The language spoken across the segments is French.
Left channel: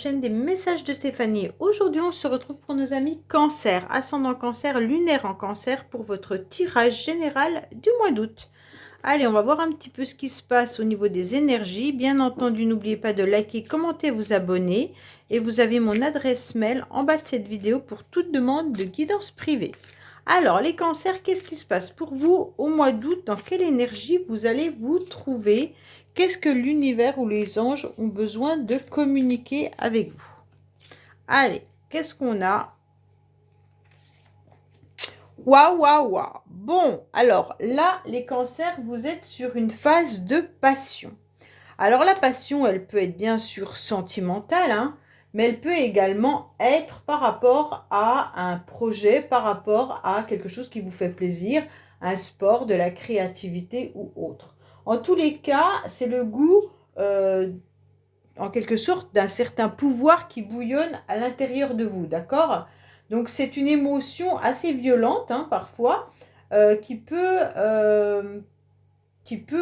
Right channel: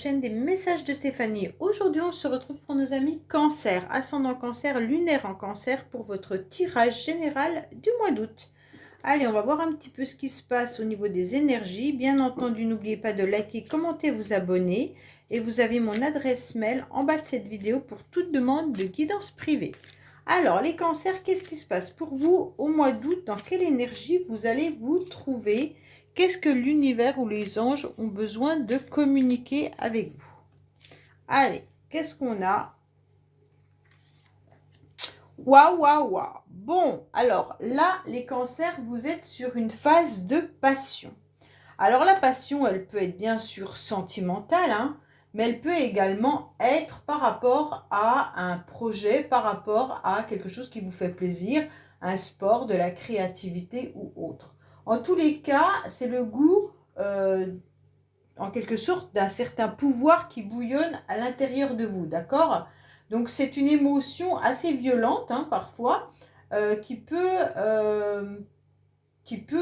chaîne des messages de Stéphanie. Aujourd'hui, on se retrouve pour nos amis Cancer, ascendant Cancer, lunaire en Cancer pour votre tirage général du mois d'août. Allez, on va voir un petit peu ce qui se passe au niveau des énergies. Bien entendu, n'oubliez pas de liker, commenter, vous abonner. Et vous avez mon adresse mail en bas de cette vidéo pour toute demande de guidance privée. Alors, les cancers, qu'est-ce qui se passe pour vous au mois d'août? Dans quelle énergie vous allez vous trouver? Qu'est-ce que l'univers ou les anges ont besoin de communiquer avec vous? Allez, qu'est-ce qu'on a? Waouh, waouh, waouh. Bon, alors là, les cancers, vous êtes sur une phase de passion. Alors la passion, elle peut être bien sûr sentimentale, hein, mais elle peut également être par rapport à un projet, par rapport à quelque chose qui vous fait plaisir, un sport, de la créativité ou autre. En tous les cas, c'est le goût, en quelque sorte, d'un certain pouvoir qui bouillonne à l'intérieur de vous, d'accord? Donc c'est une émotion assez violente, hein, parfois, qui peut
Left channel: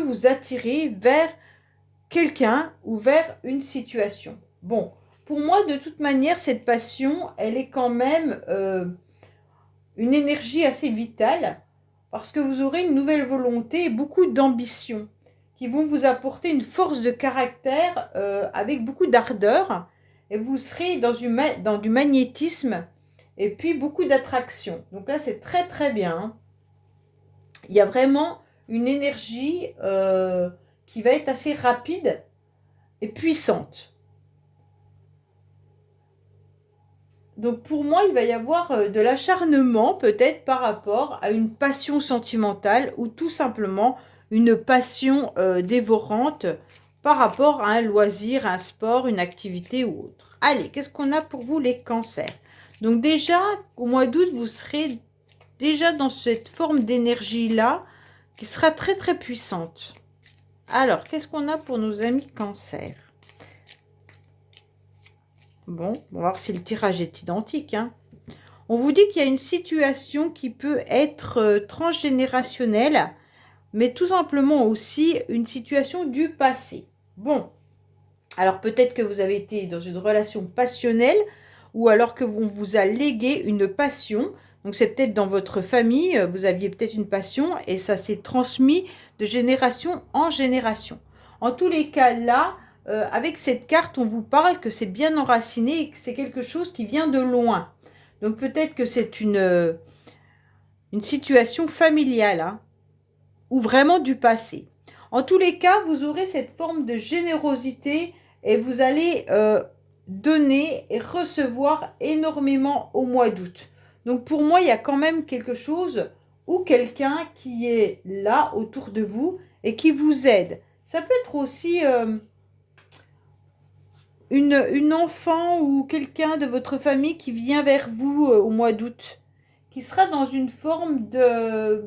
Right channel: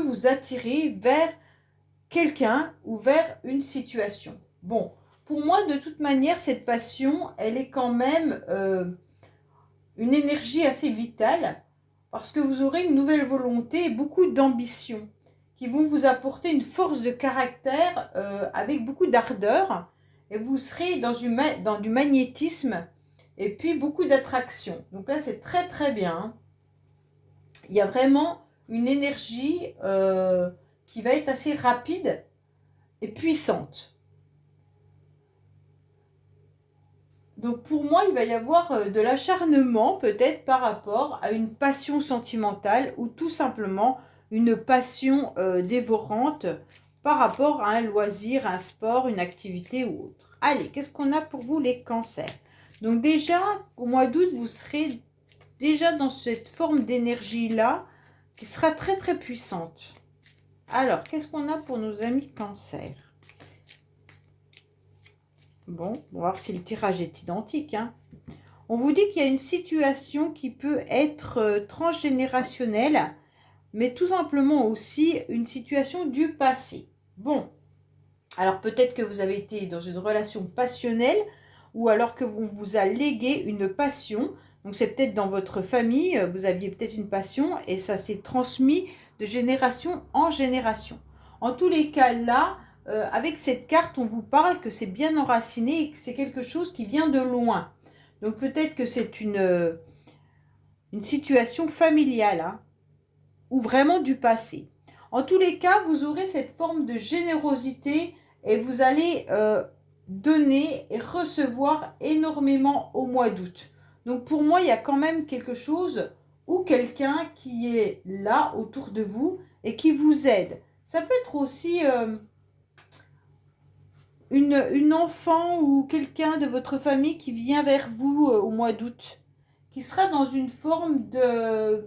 vous attirer vers quelqu'un ou vers une situation. Bon, pour moi, de toute manière, cette passion, elle est quand même une énergie assez vitale parce que vous aurez une nouvelle volonté et beaucoup d'ambition qui vont vous apporter une force de caractère avec beaucoup d'ardeur et vous serez dans du magnétisme et puis beaucoup d'attraction. Donc là, c'est très très bien, hein. Il y a vraiment une énergie qui va être assez rapide et puissante. Donc pour moi, il va y avoir de l'acharnement peut-être par rapport à une passion sentimentale ou tout simplement une passion dévorante par rapport à un loisir, un sport, une activité ou autre. Allez, qu'est-ce qu'on a pour vous les cancers? Donc déjà, au mois d'août, vous serez déjà dans cette forme d'énergie-là qui sera très très puissante. Alors, qu'est-ce qu'on a pour nos amis cancers? Bon, on va voir si le tirage est identique, hein. On vous dit qu'il y a une situation qui peut être transgénérationnelle, mais tout simplement aussi une situation du passé. Bon, alors peut-être que vous avez été dans une relation passionnelle ou alors que on vous a légué une passion. Donc c'est peut-être dans votre famille, vous aviez peut-être une passion et ça s'est transmis de génération en génération. En tous les cas, là, avec cette carte, on vous parle que c'est bien enraciné et que c'est quelque chose qui vient de loin. Donc peut-être que c'est une situation familiale, hein, ou vraiment du passé. En tous les cas, vous aurez cette forme de générosité et vous allez donner et recevoir énormément au mois d'août. Donc pour moi, il y a quand même quelque chose ou quelqu'un qui est là autour de vous et qui vous aide. Ça peut être aussi une enfant ou quelqu'un de votre famille qui vient vers vous au mois d'août, qui sera dans une forme de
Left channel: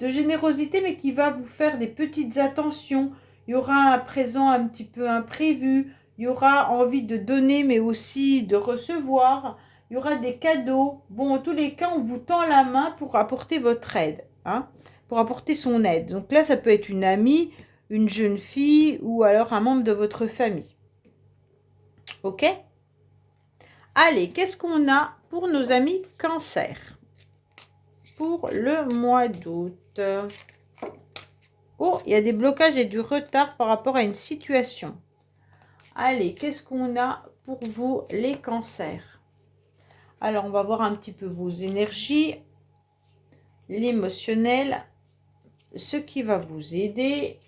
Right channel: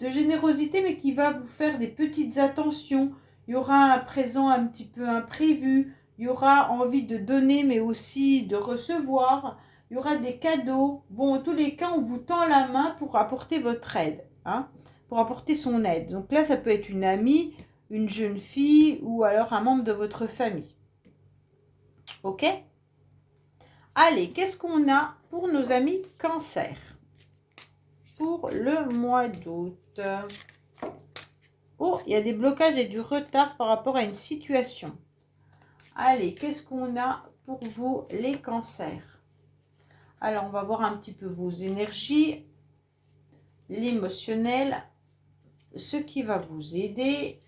générosité, mais qui va vous faire des petites attentions. Il y aura un présent un petit peu imprévu, il y aura envie de donner, mais aussi de recevoir. Il y aura des cadeaux. Bon, en tous les cas, on vous tend la main pour apporter votre aide, hein, pour apporter son aide. Donc là, ça peut être une amie, une jeune fille ou alors un membre de votre famille. Ok? Allez, qu'est-ce qu'on a pour nos amis Cancer pour le mois d'août? Oh, il y a des blocages et du retard par rapport à une situation. Allez, qu'est-ce qu'on a pour vous les cancers? Alors, on va voir un petit peu vos énergies, l'émotionnel, ce qui va vous aider,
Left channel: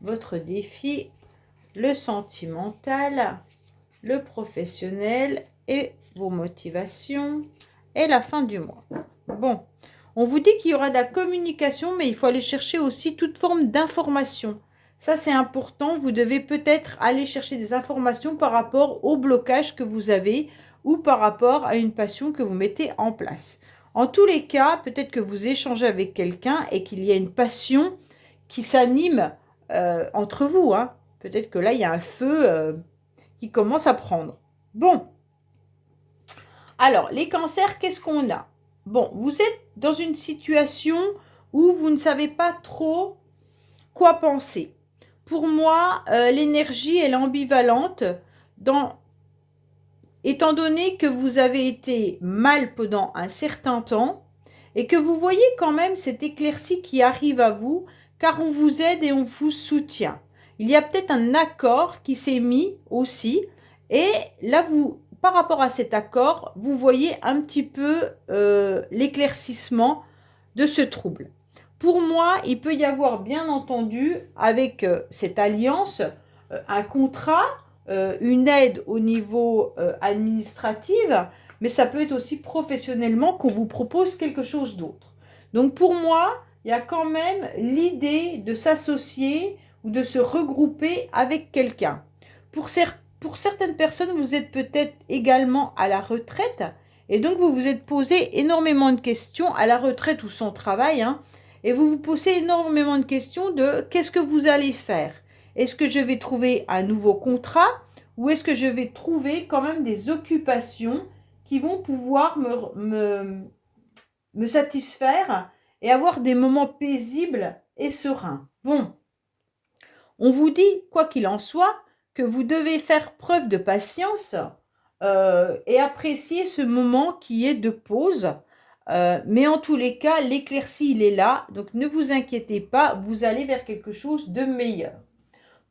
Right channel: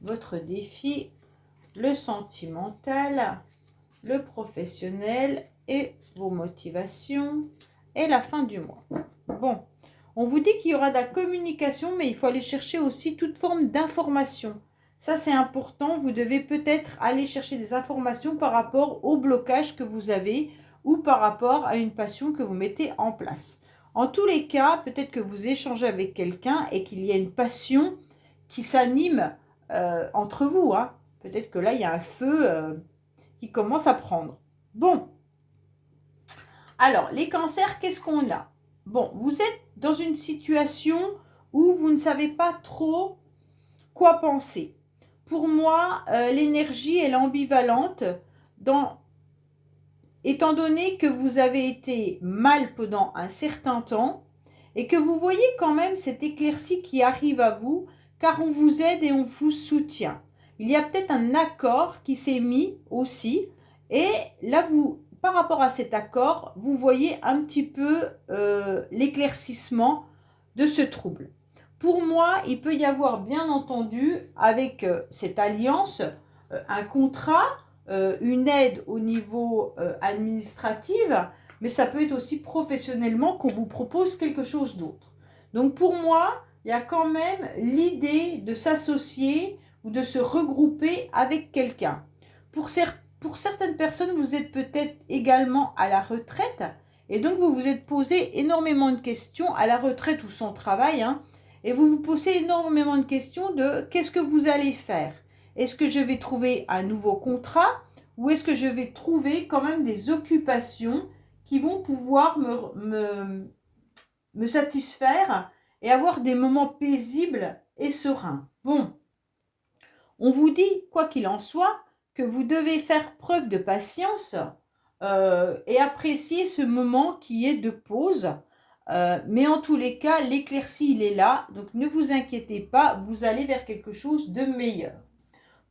votre défi, le sentimental, le professionnel et vos motivations et la fin du mois. Bon, on vous dit qu'il y aura de la communication, mais il faut aller chercher aussi toute forme d'information. Ça, c'est important. Vous devez peut-être aller chercher des informations par rapport au blocage que vous avez ou par rapport à une passion que vous mettez en place. En tous les cas, peut-être que vous échangez avec quelqu'un et qu'il y a une passion qui s'anime entre vous, hein. Peut-être que là, il y a un feu qui commence à prendre. Bon. Alors, les cancers, qu'est-ce qu'on a? Bon, vous êtes dans une situation où vous ne savez pas trop quoi penser. Pour moi, l'énergie, elle est ambivalente. étant donné que vous avez été mal pendant un certain temps et que vous voyez quand même cette éclaircie qui arrive à vous, car on vous aide et on vous soutient. Il y a peut-être un accord qui s'est mis aussi, et là, par rapport à cet accord, vous voyez un petit peu l'éclaircissement de ce trouble. Pour moi, il peut y avoir bien entendu avec cette alliance un contrat, une aide au niveau administratif, mais ça peut être aussi professionnellement qu'on vous propose quelque chose d'autre. Donc pour moi, il y a quand même l'idée de s'associer ou de se regrouper avec quelqu'un. Pour certaines personnes, vous êtes peut-être également à la retraite et donc vous vous êtes posé énormément de questions à la retraite ou sans travail, hein, et vous vous posez énormément de questions de qu'est-ce que vous allez faire? Est-ce que je vais trouver un nouveau contrat ou est-ce que je vais trouver quand même des occupations qui vont pouvoir me satisfaire et avoir des moments paisibles et sereins? Bon, on vous dit, quoi qu'il en soit, que vous devez faire preuve de patience et apprécier ce moment qui est de pause. Mais en tous les cas, l'éclaircie, il est là. Donc ne vous inquiétez pas, vous allez vers quelque chose de meilleur.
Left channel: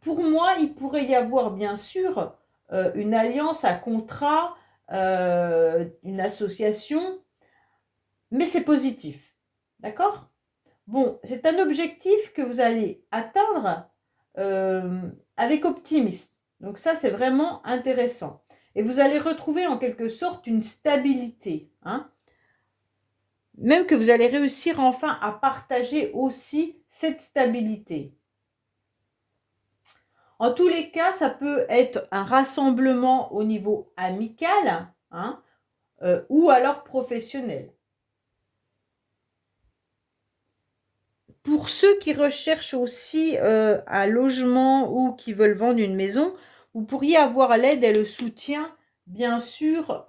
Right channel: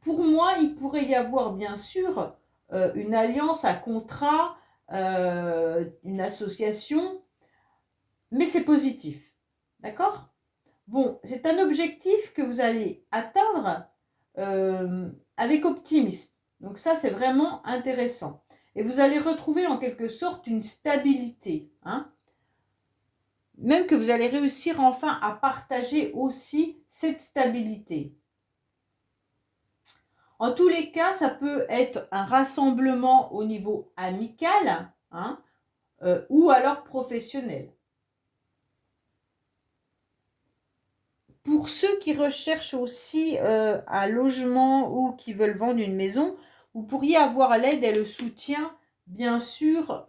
Pour moi, il pourrait y avoir bien sûr une alliance, un contrat, une association, mais c'est positif. D'accord? Bon, c'est un objectif que vous allez atteindre avec optimisme. Donc ça, c'est vraiment intéressant. Et vous allez retrouver en quelque sorte une stabilité, hein. Même que vous allez réussir enfin à partager aussi cette stabilité. En tous les cas, ça peut être un rassemblement au niveau amical, hein, ou alors professionnel. Pour ceux qui recherchent aussi un logement ou qui veulent vendre une maison, vous pourriez avoir l'aide et le soutien, bien sûr,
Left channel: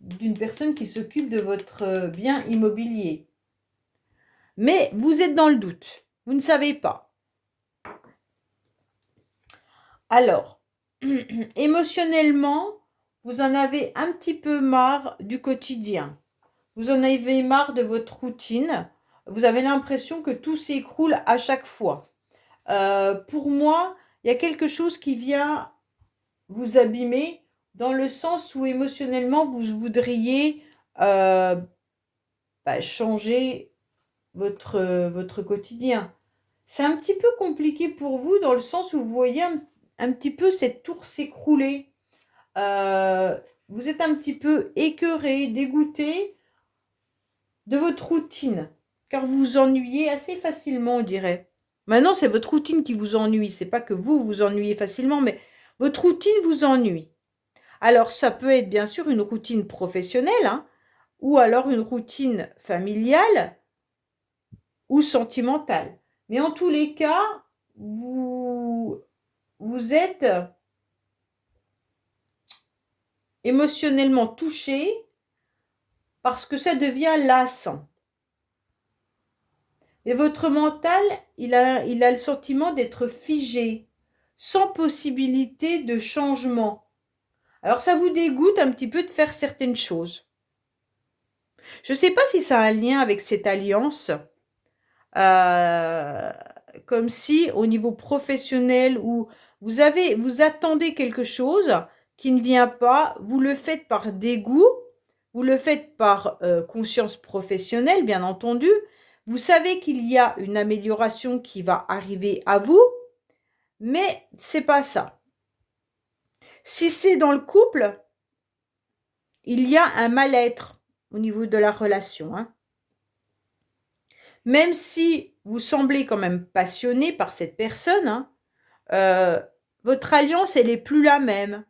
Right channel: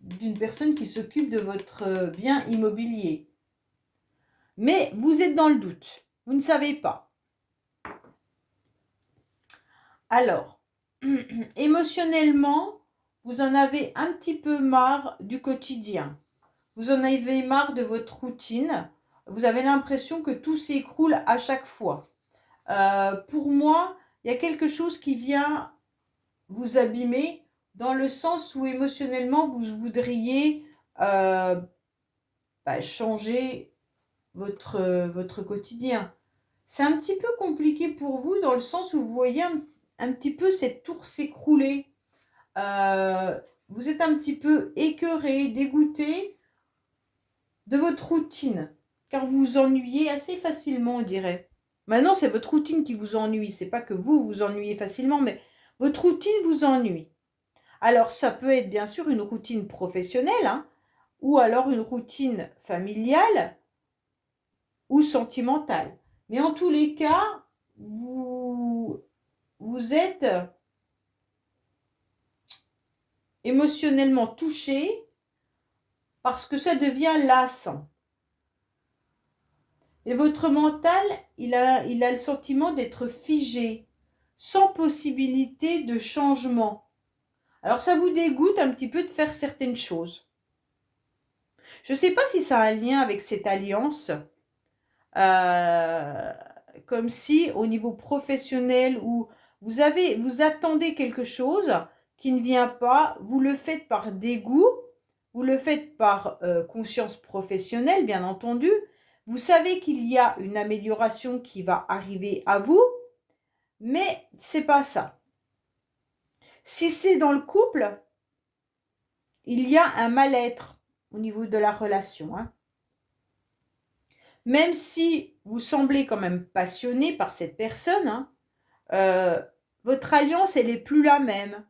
d'une personne qui s'occupe de votre bien immobilier. Mais vous êtes dans le doute, vous ne savez pas. Alors, émotionnellement, vous en avez un petit peu marre du quotidien. Vous en avez marre de votre routine. Vous avez l'impression que tout s'écroule à chaque fois. Pour moi, il y a quelque chose qui vient vous abîmer dans le sens où émotionnellement, vous voudriez changer votre quotidien. C'est un petit peu compliqué pour vous dans le sens où vous voyez un petit peu cette tour s'écrouler. Vous êtes un petit peu écœuré, dégoûté de votre routine, car vous vous ennuyez assez facilement, on dirait. Maintenant, c'est votre routine qui vous ennuie. C'est pas que vous vous ennuyez facilement, mais votre routine vous ennuie. Alors, ça peut être bien sûr une routine professionnelle, hein, ou alors une routine familiale ou sentimentale. Mais en tous les cas, vous êtes émotionnellement touché parce que ça devient lassant. Et votre mental, il a le sentiment d'être figé, sans possibilité de changement. Alors ça vous dégoûte un petit peu de faire certaines choses. Je ne sais pas si ça a un lien avec cette alliance, euh, comme si au niveau professionnel où vous attendez quelque chose qui ne vient pas, vous le faites par dégoût, vous le faites par conscience professionnelle, bien entendu. Vous savez qu'il y a une amélioration qui va arriver à vous, mais c'est pas ça. Si c'est dans le couple, il y a un mal-être au niveau de la relation, hein. Même si vous semblez quand même passionné par cette personne, hein, votre alliance, elle n'est plus la même.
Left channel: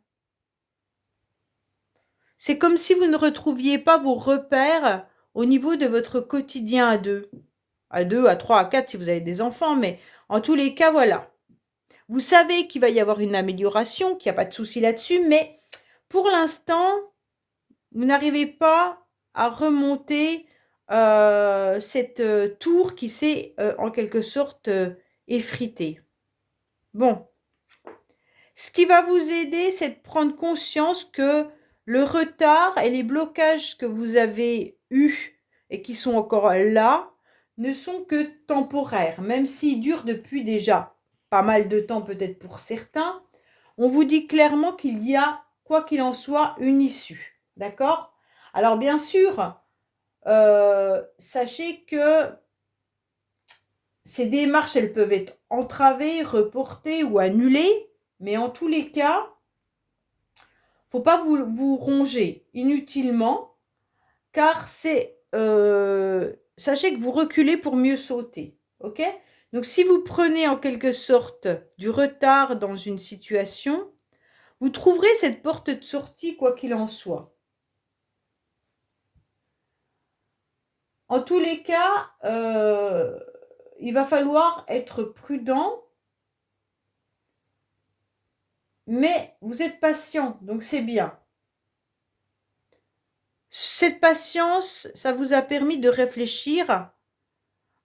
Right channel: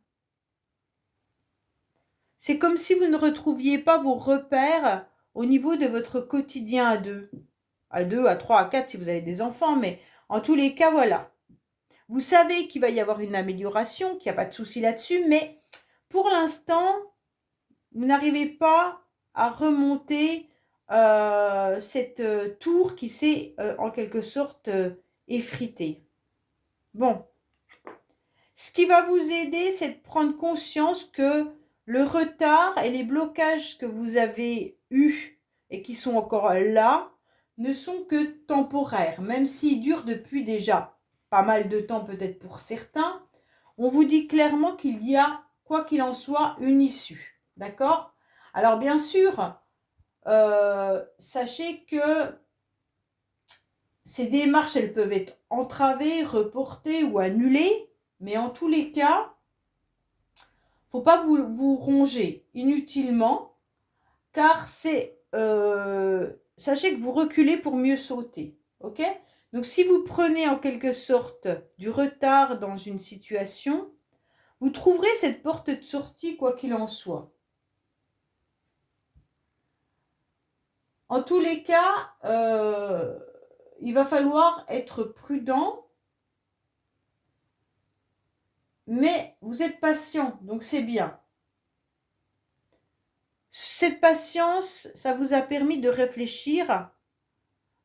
C'est comme si vous ne retrouviez pas vos repères au niveau de votre quotidien à deux. À deux, à trois, à quatre si vous avez des enfants, mais en tous les cas, voilà. Vous savez qu'il va y avoir une amélioration, qu'il n'y a pas de souci là-dessus, mais pour l'instant, vous n'arrivez pas à remonter cette tour qui s'est en quelque sorte effritée. Bon, Ce qui va vous aider, c'est de prendre conscience que le retard et les blocages que vous avez eus et qui sont encore là ne sont que temporaires, même s'ils durent depuis déjà pas mal de temps peut-être pour certains. On vous dit clairement qu'il y a, quoi qu'il en soit, une issue. D'accord? Alors bien sûr, sachez que ces démarches, elles peuvent être entravées, reportées ou annulées, mais en tous les cas, il ne faut pas vous ronger inutilement, car sachez que vous reculez pour mieux sauter. Ok? Donc si vous prenez en quelque sorte du retard dans une situation, vous trouverez cette porte de sortie quoi qu'il en soit. En tous les cas, il va falloir être prudent, mais vous êtes patient, donc c'est bien. Cette patience, ça vous a permis de réfléchir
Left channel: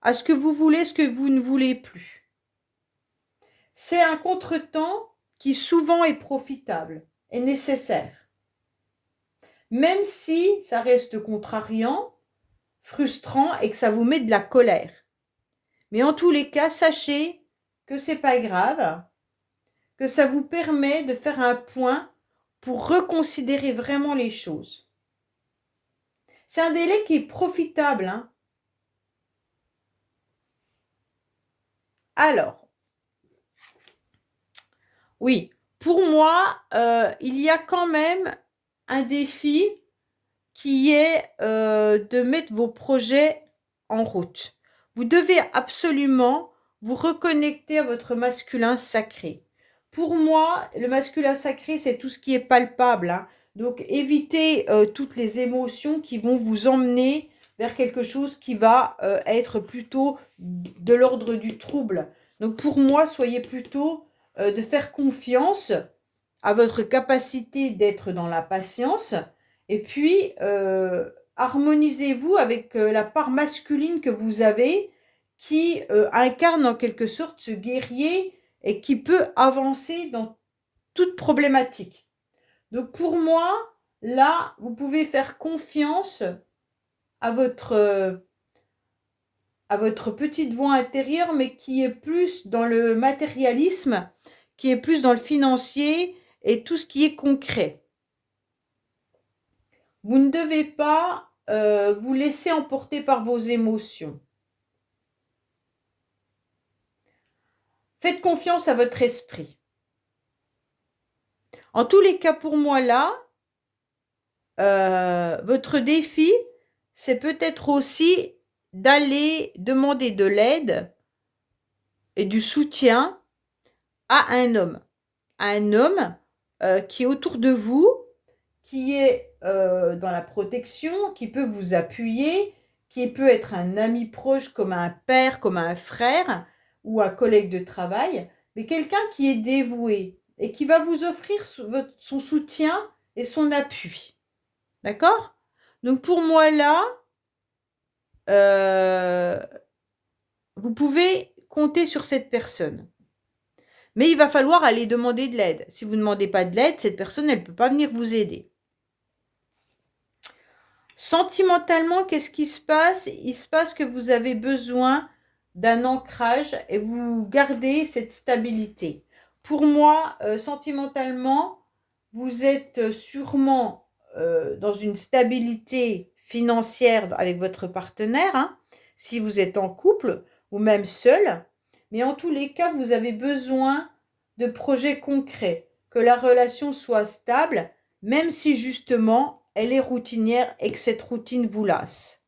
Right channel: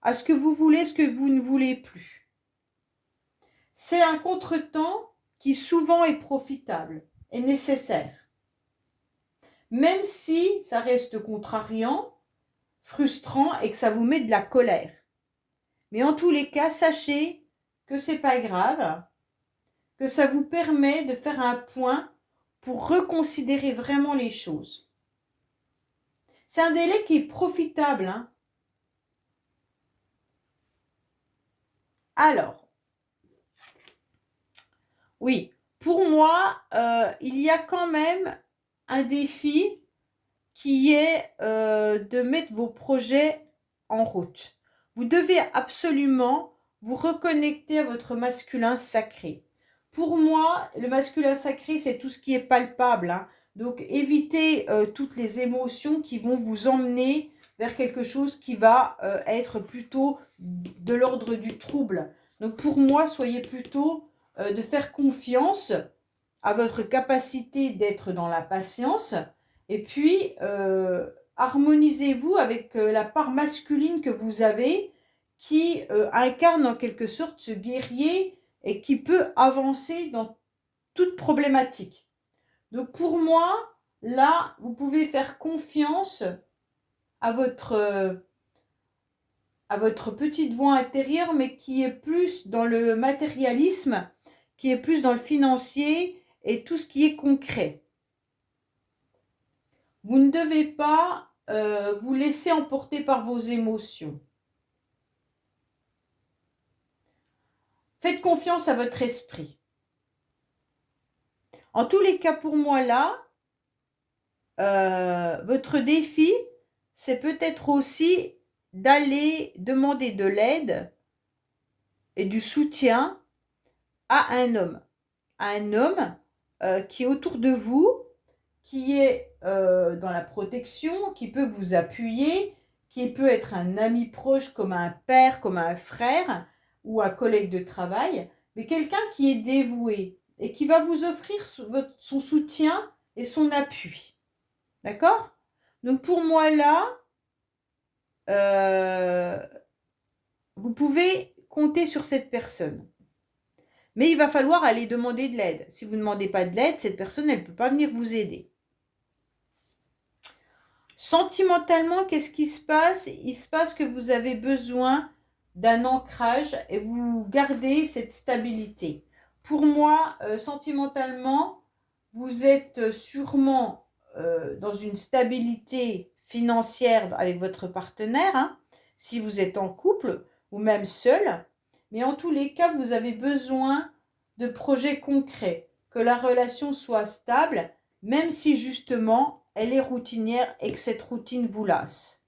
à ce que vous voulez, ce que vous ne voulez plus. C'est un contretemps qui souvent est profitable et nécessaire. Même si ça reste contrariant, frustrant et que ça vous met de la colère. Mais en tous les cas, sachez que c'est pas grave, que ça vous permet de faire un point pour reconsidérer vraiment les choses. C'est un délai qui est profitable, hein. Alors, oui, pour moi, il y a quand même un défi qui est de mettre vos projets en route. Vous devez absolument vous reconnecter à votre masculin sacré. Pour moi, le masculin sacré, c'est tout ce qui est palpable, hein. Donc, évitez toutes les émotions qui vont vous emmener vers quelque chose qui va être plutôt de l'ordre du trouble. Donc, pour moi, soyez plutôt de faire confiance à votre capacité d'être dans la patience. Et puis, harmonisez-vous avec la part masculine que vous avez qui incarne en quelque sorte ce guerrier et qui peut avancer dans toute problématique. Donc pour moi, là, vous pouvez faire confiance à votre petite voix intérieure, mais qui est plus dans le matérialisme, qui est plus dans le financier et tout ce qui est concret. Vous ne devez pas vous laisser emporter par vos émotions. Faites confiance à votre esprit. En tous les cas, pour moi, là, votre défi, c'est peut-être aussi d'aller demander de l'aide et du soutien à un homme. À un homme qui est autour de vous, qui est dans la protection, qui peut vous appuyer, qui peut être un ami proche comme un père, comme un frère ou un collègue de travail, mais quelqu'un qui est dévoué et qui va vous offrir son soutien et son appui. D'accord? Donc pour moi là, vous pouvez compter sur cette personne. Mais il va falloir aller demander de l'aide. Si vous ne demandez pas de l'aide, cette personne, elle ne peut pas venir vous aider. Sentimentalement, qu'est-ce qui se passe? Il se passe que vous avez besoin d'un ancrage et vous gardez cette stabilité. Pour moi, sentimentalement, vous êtes sûrement dans une stabilité financière avec votre partenaire, hein, si vous êtes en couple ou même seul. Mais en tous les cas, vous avez besoin de projets concrets, que la relation soit stable, même si justement elle est routinière et que cette routine vous lasse.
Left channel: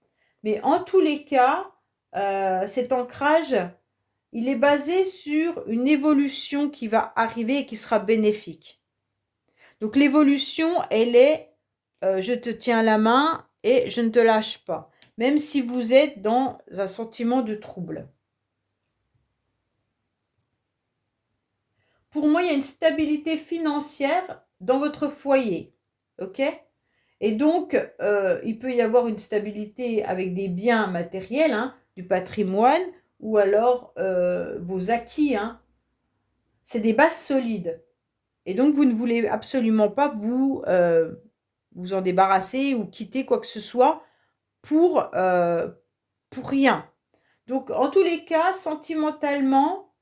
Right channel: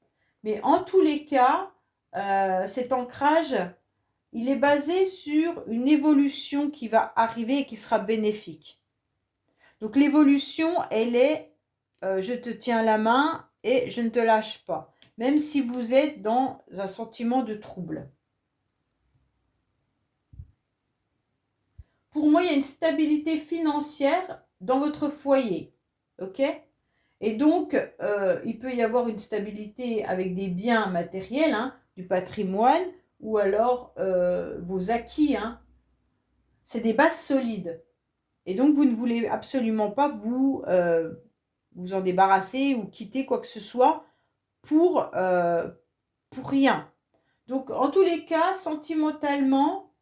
Mais en tous les cas, cet ancrage, il est basé sur une évolution qui va arriver et qui sera bénéfique. Donc l'évolution, elle est je te tiens la main et je ne te lâche pas, même si vous êtes dans un sentiment de trouble. Pour moi, il y a une stabilité financière dans votre foyer. Ok? Et donc, il peut y avoir une stabilité avec des biens matériels, hein, du patrimoine, ou alors vos acquis. Hein. C'est des bases solides. Et donc, vous ne voulez absolument pas vous en débarrasser ou quitter quoi que ce soit pour rien. Donc, en tous les cas, sentimentalement,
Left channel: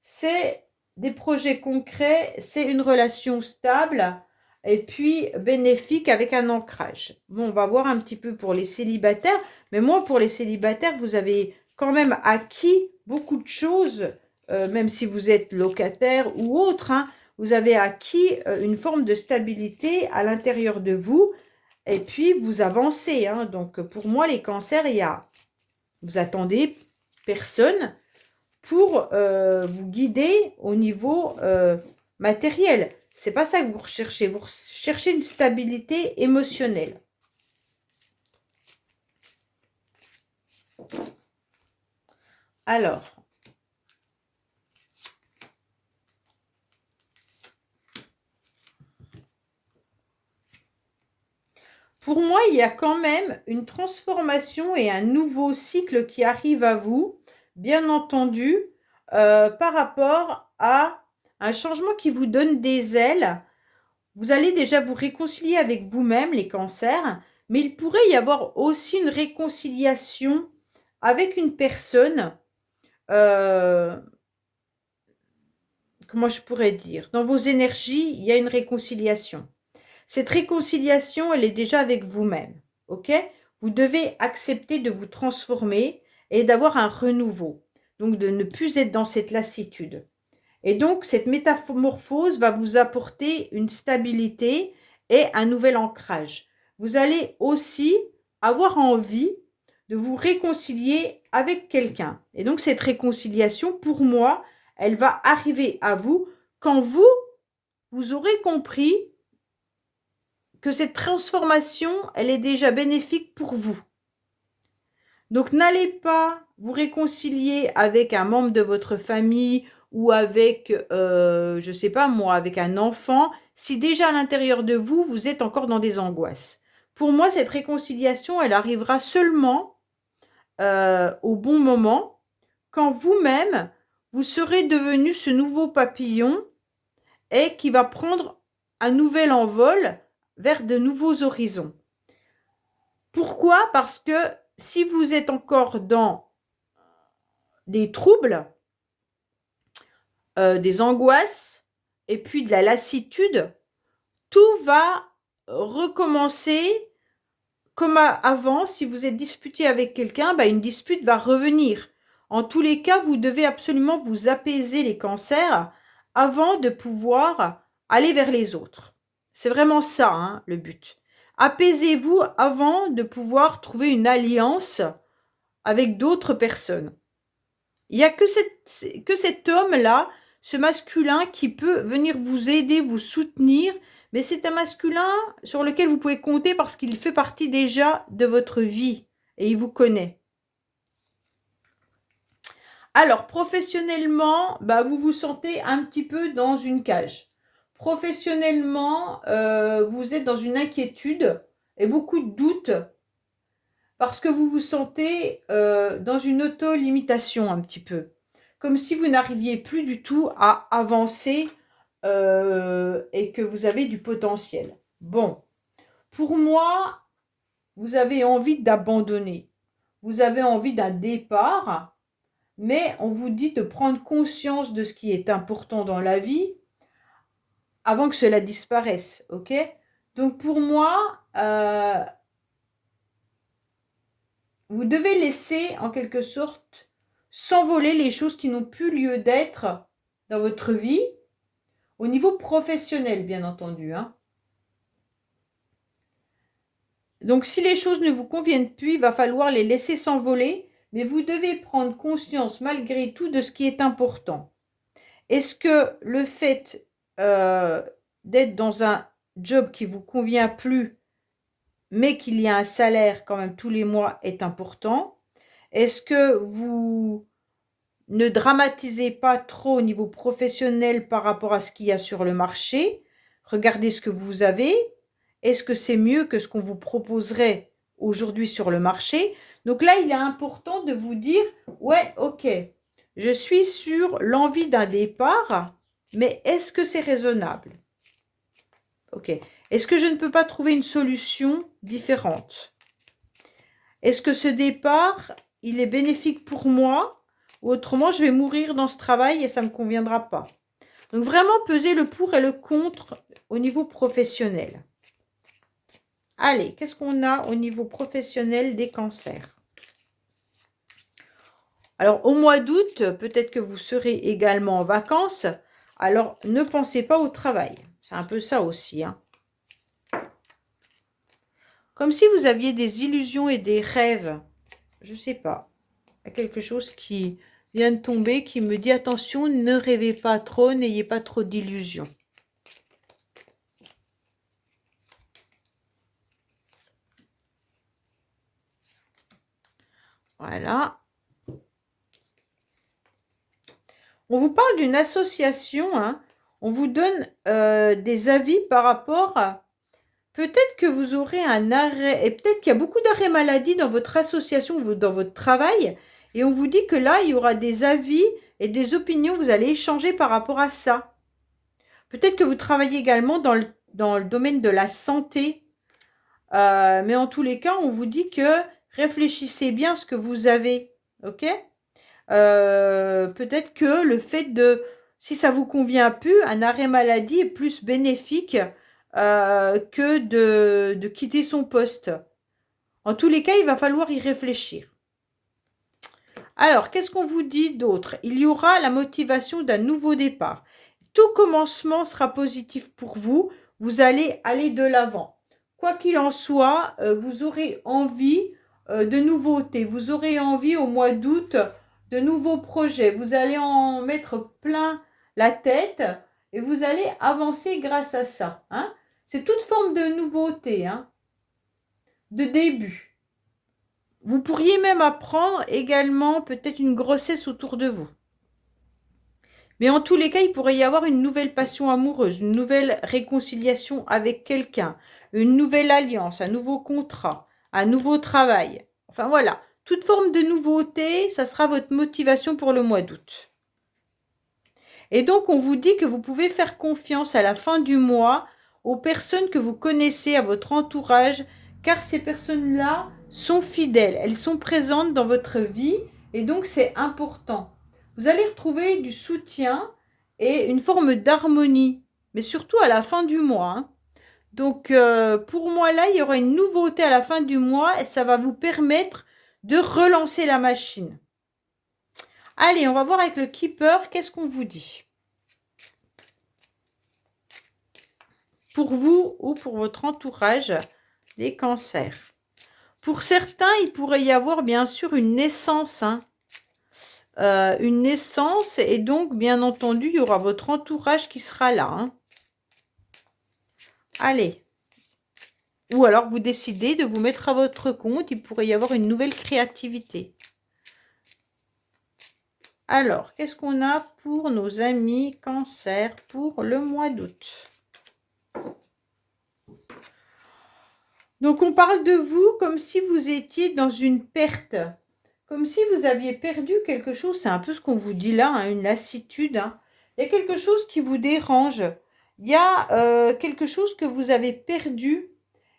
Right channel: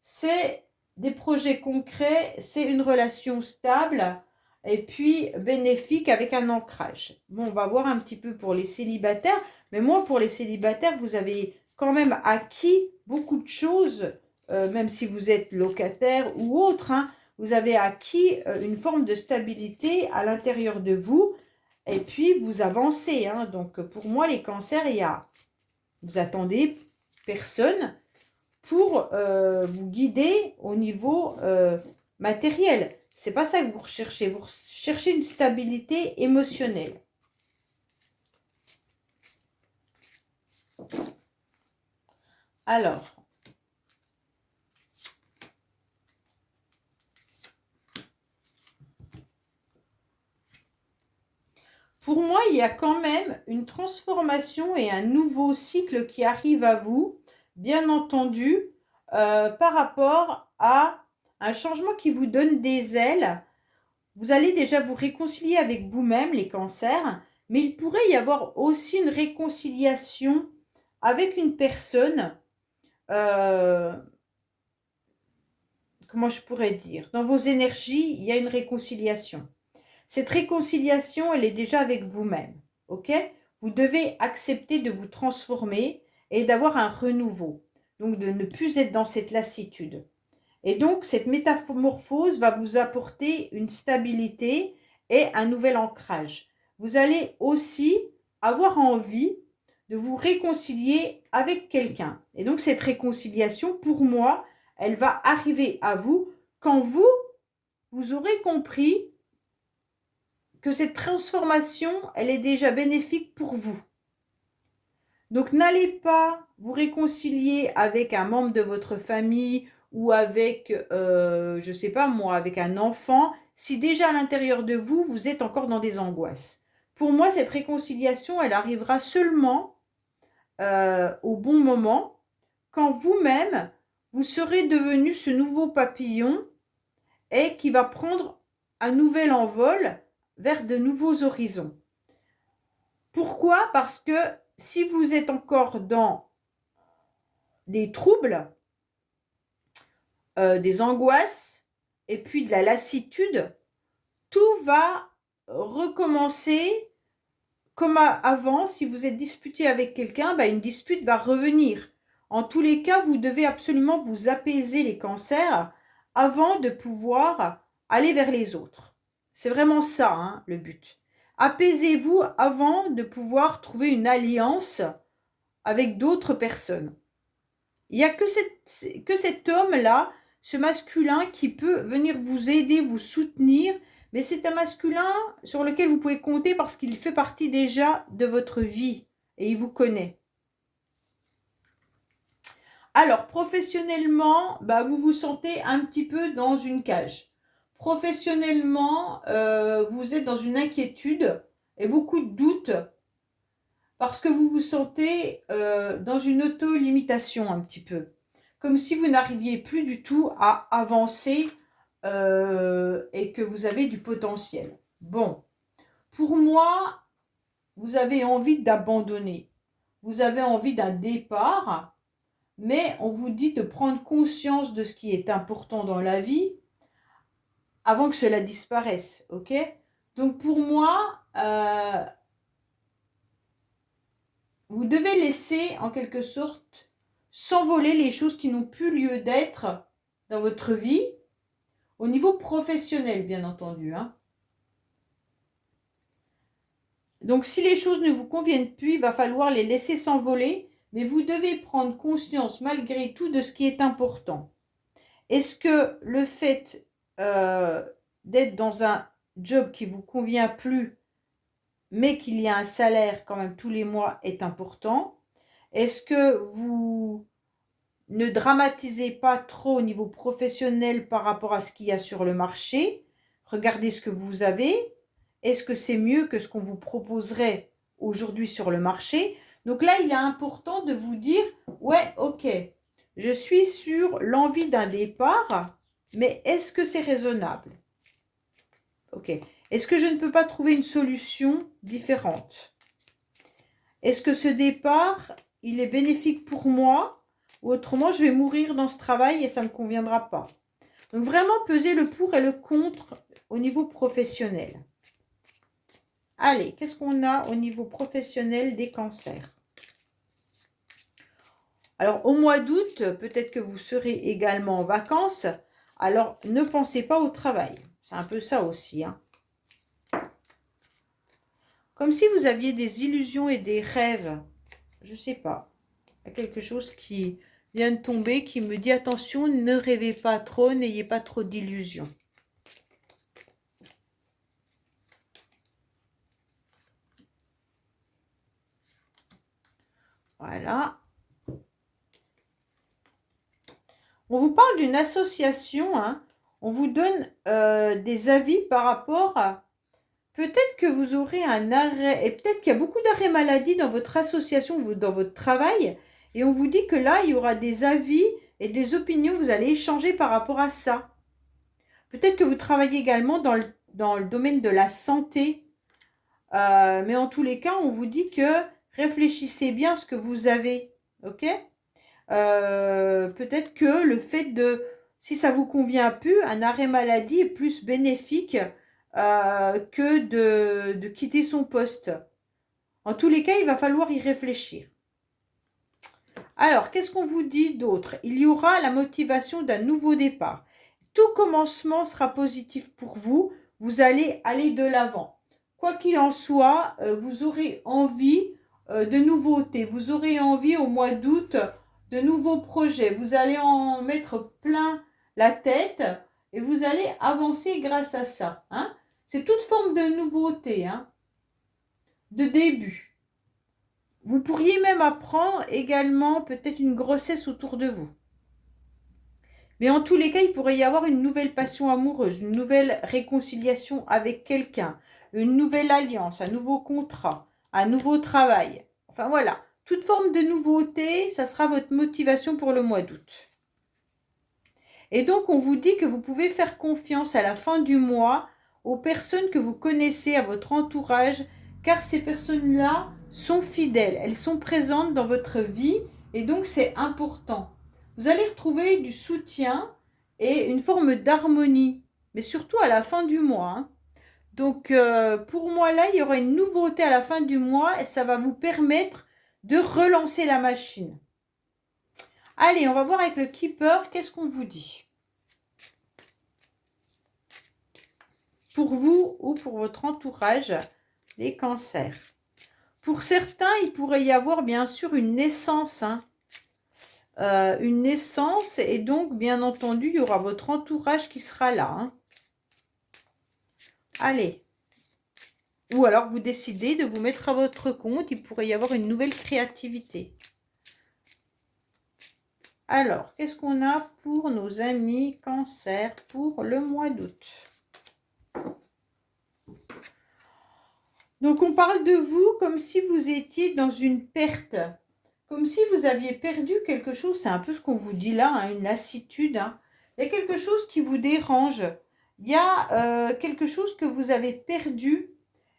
c'est des projets concrets, c'est une relation stable et puis bénéfique avec un ancrage. Bon, on va voir un petit peu pour les célibataires, mais moi, pour les célibataires, vous avez quand même acquis beaucoup de choses, même si vous êtes locataire ou autre, hein, vous avez acquis une forme de stabilité à l'intérieur de vous et puis vous avancez. Hein. Donc, pour moi, les cancers, vous attendez personne pour vous guider au niveau matériel. C'est pas ça que vous recherchez. Vous cherchez une stabilité émotionnelle. Alors, pour moi, il y a quand même une transformation et un nouveau cycle qui arrive à vous, bien entendu, par rapport à un changement qui vous donne des ailes. Vous allez déjà vous réconcilier avec vous-même, les cancers, mais il pourrait y avoir aussi une réconciliation avec une personne, comment je pourrais dire, dans vos énergies, il y a une réconciliation. Cette réconciliation, elle est déjà avec vous-même, ok? Vous devez accepter de vous transformer et d'avoir un renouveau, donc de ne plus être dans cette lassitude. Et donc, cette métamorphose va vous apporter une stabilité et un nouvel ancrage. Vous allez aussi avoir envie de vous réconcilier avec quelqu'un. Et donc, cette réconciliation, pour moi, elle va arriver à vous quand vous aurez compris que cette transformation, elle est déjà bénéfique pour vous. Donc, n'allez pas vous réconcilier avec un membre de votre famille ou avec, je ne sais pas moi, avec un enfant, si déjà à l'intérieur de vous, vous êtes encore dans des angoisses. Pour moi, cette réconciliation, elle arrivera seulement au bon moment, quand vous-même, vous serez devenu ce nouveau papillon et qui va prendre un nouvel envol vers de nouveaux horizons. Pourquoi? Parce que si vous êtes encore dans des troubles, des angoisses et puis de la lassitude, tout va recommencer comme avant. Si vous êtes disputé avec quelqu'un, une dispute va revenir. En tous les cas, vous devez absolument vous apaiser les cancers avant de pouvoir aller vers les autres. C'est vraiment ça, hein, le but. Apaisez-vous avant de pouvoir trouver une alliance avec d'autres personnes. Il n'y a que cet homme-là, ce masculin qui peut venir vous aider, vous soutenir, mais c'est un masculin sur lequel vous pouvez compter parce qu'il fait partie déjà de votre vie et il vous connaît. Alors, professionnellement, vous vous sentez un petit peu dans une cage. Professionnellement, vous êtes dans une inquiétude et beaucoup de doutes parce que vous vous sentez dans une auto-limitation un petit peu. Comme si vous n'arriviez plus du tout à avancer et que vous avez du potentiel. Bon, pour moi, vous avez envie d'abandonner. Vous avez envie d'un départ, mais on vous dit de prendre conscience de ce qui est important dans la vie avant que cela disparaisse, ok? Donc pour moi, vous devez laisser en quelque sorte s'envoler les choses qui n'ont plus lieu d'être dans votre vie, au niveau professionnel bien entendu. Hein. Donc si les choses ne vous conviennent plus, il va falloir les laisser s'envoler, mais vous devez prendre conscience malgré tout de ce qui est important. Est-ce que le fait d'être dans un job qui ne vous convient plus, mais qu'il y a un salaire quand même tous les mois est important? Est-ce que vous ne dramatisez pas trop au niveau professionnel par rapport à ce qu'il y a sur le marché? Regardez ce que vous avez. Est-ce que c'est mieux que ce qu'on vous proposerait aujourd'hui sur le marché? Donc là, il est important de vous dire, ouais, ok, je suis sur l'envie d'un départ, mais est-ce que c'est raisonnable? Ok. Est-ce que je ne peux pas trouver une solution différente? Est-ce que ce départ, il est bénéfique pour moi? Ou autrement, je vais mourir dans ce travail et ça ne me conviendra pas. Donc, vraiment peser le pour et le contre au niveau professionnel. Allez, qu'est-ce qu'on a au niveau professionnel des cancers? Alors, au mois d'août, peut-être que vous serez également en vacances. Alors, ne pensez pas au travail. C'est un peu ça aussi, hein. Comme si vous aviez des illusions et des rêves. Je ne sais pas. Il y a quelque chose qui vient de tomber qui me dit attention, ne rêvez pas trop, n'ayez pas trop d'illusions. Voilà. On vous parle d'une association, hein. On vous donne des avis par rapport à... Peut-être que vous aurez un arrêt, et peut-être qu'il y a beaucoup d'arrêts maladie dans votre association, dans votre travail, et on vous dit que là, il y aura des avis et des opinions, vous allez échanger par rapport à ça. Peut-être que vous travaillez également dans le domaine de la santé, mais en tous les cas, on vous dit que réfléchissez bien à ce que vous avez, ok? Peut-être que le fait de, si ça vous convient plus, un arrêt maladie est plus bénéfique que de quitter son poste. En tous les cas, il va falloir y réfléchir. Alors, qu'est-ce qu'on vous dit d'autre? Il y aura la motivation d'un nouveau départ. Tout commencement sera positif pour vous. Vous allez aller de l'avant. Quoi qu'il en soit, vous aurez envie de nouveautés. Vous aurez envie au mois d'août de nouveaux projets. Vous allez en mettre plein la tête et vous allez avancer grâce à ça, hein. C'est toute forme de nouveauté, hein, de début. Vous pourriez même apprendre également peut-être une grossesse autour de vous. Mais en tous les cas, il pourrait y avoir une nouvelle passion amoureuse, une nouvelle réconciliation avec quelqu'un, une nouvelle alliance, un nouveau contrat, un nouveau travail. Enfin voilà, toute forme de nouveauté, ça sera votre motivation pour le mois d'août. Et donc, on vous dit que vous pouvez faire confiance à la fin du mois aux personnes que vous connaissez, à votre entourage, car ces personnes-là sont fidèles, elles sont présentes dans votre vie et donc c'est important. Vous allez retrouver du soutien et une forme d'harmonie, mais surtout à la fin du mois, hein. Donc, pour moi, là, il y aura une nouveauté à la fin du mois et ça va vous permettre de relancer la machine. Allez, on va voir avec le Keeper, qu'est-ce qu'on vous dit? Pour vous ou pour votre entourage, les cancers. Pour certains, il pourrait y avoir bien sûr une naissance, hein. Une naissance et donc, bien entendu, il y aura votre entourage qui sera là, hein. Allez. Ou alors, vous décidez de vous mettre à votre compte, il pourrait y avoir une nouvelle créativité. Alors, qu'est-ce qu'on a pour nos amis cancers pour le mois d'août? Donc, on parle de vous comme si vous étiez dans une perte. Comme si vous aviez perdu quelque chose. C'est un peu ce qu'on vous dit là, hein, une lassitude, hein. Il y a quelque chose qui vous dérange. Il y a quelque chose que vous avez perdu.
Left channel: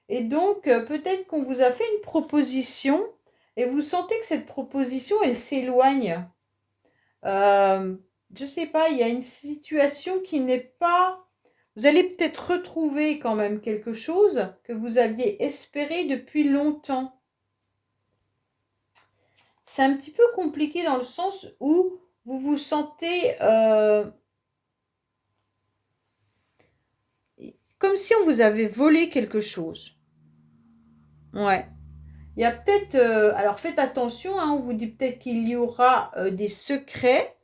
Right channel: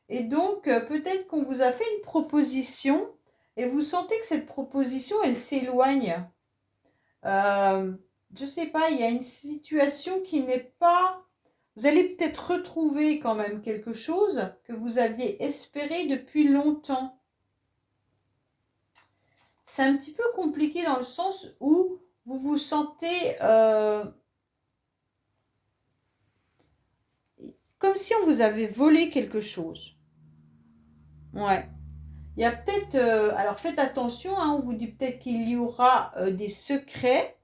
Et donc, peut-être qu'on vous a fait une proposition et vous sentez que cette proposition, elle s'éloigne. Je ne sais pas, il y a une situation qui n'est pas... Vous allez peut-être retrouver quand même quelque chose que vous aviez espéré depuis longtemps. C'est un petit peu compliqué dans le sens où vous vous sentez comme si on vous avait volé quelque chose. Ouais. Il y a peut-être... alors faites attention, hein, on vous dit peut-être qu'il y aura des secrets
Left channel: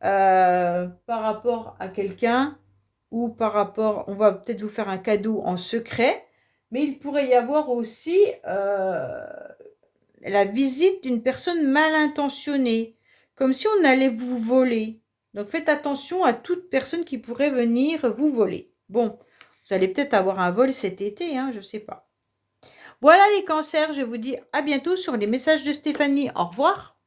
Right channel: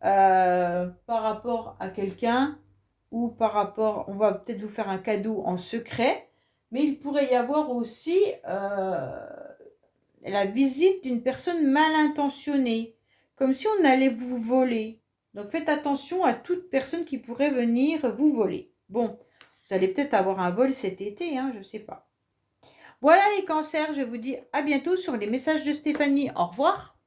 par rapport à quelqu'un ou par rapport... On va peut-être vous faire un cadeau en secret, mais il pourrait y avoir aussi la visite d'une personne mal intentionnée, comme si on allait vous voler. Donc faites attention à toute personne qui pourrait venir vous voler. Bon, vous allez peut-être avoir un vol cet été, hein, je ne sais pas. Voilà les cancers, je vous dis à bientôt sur les messages de Stéphanie. Au revoir.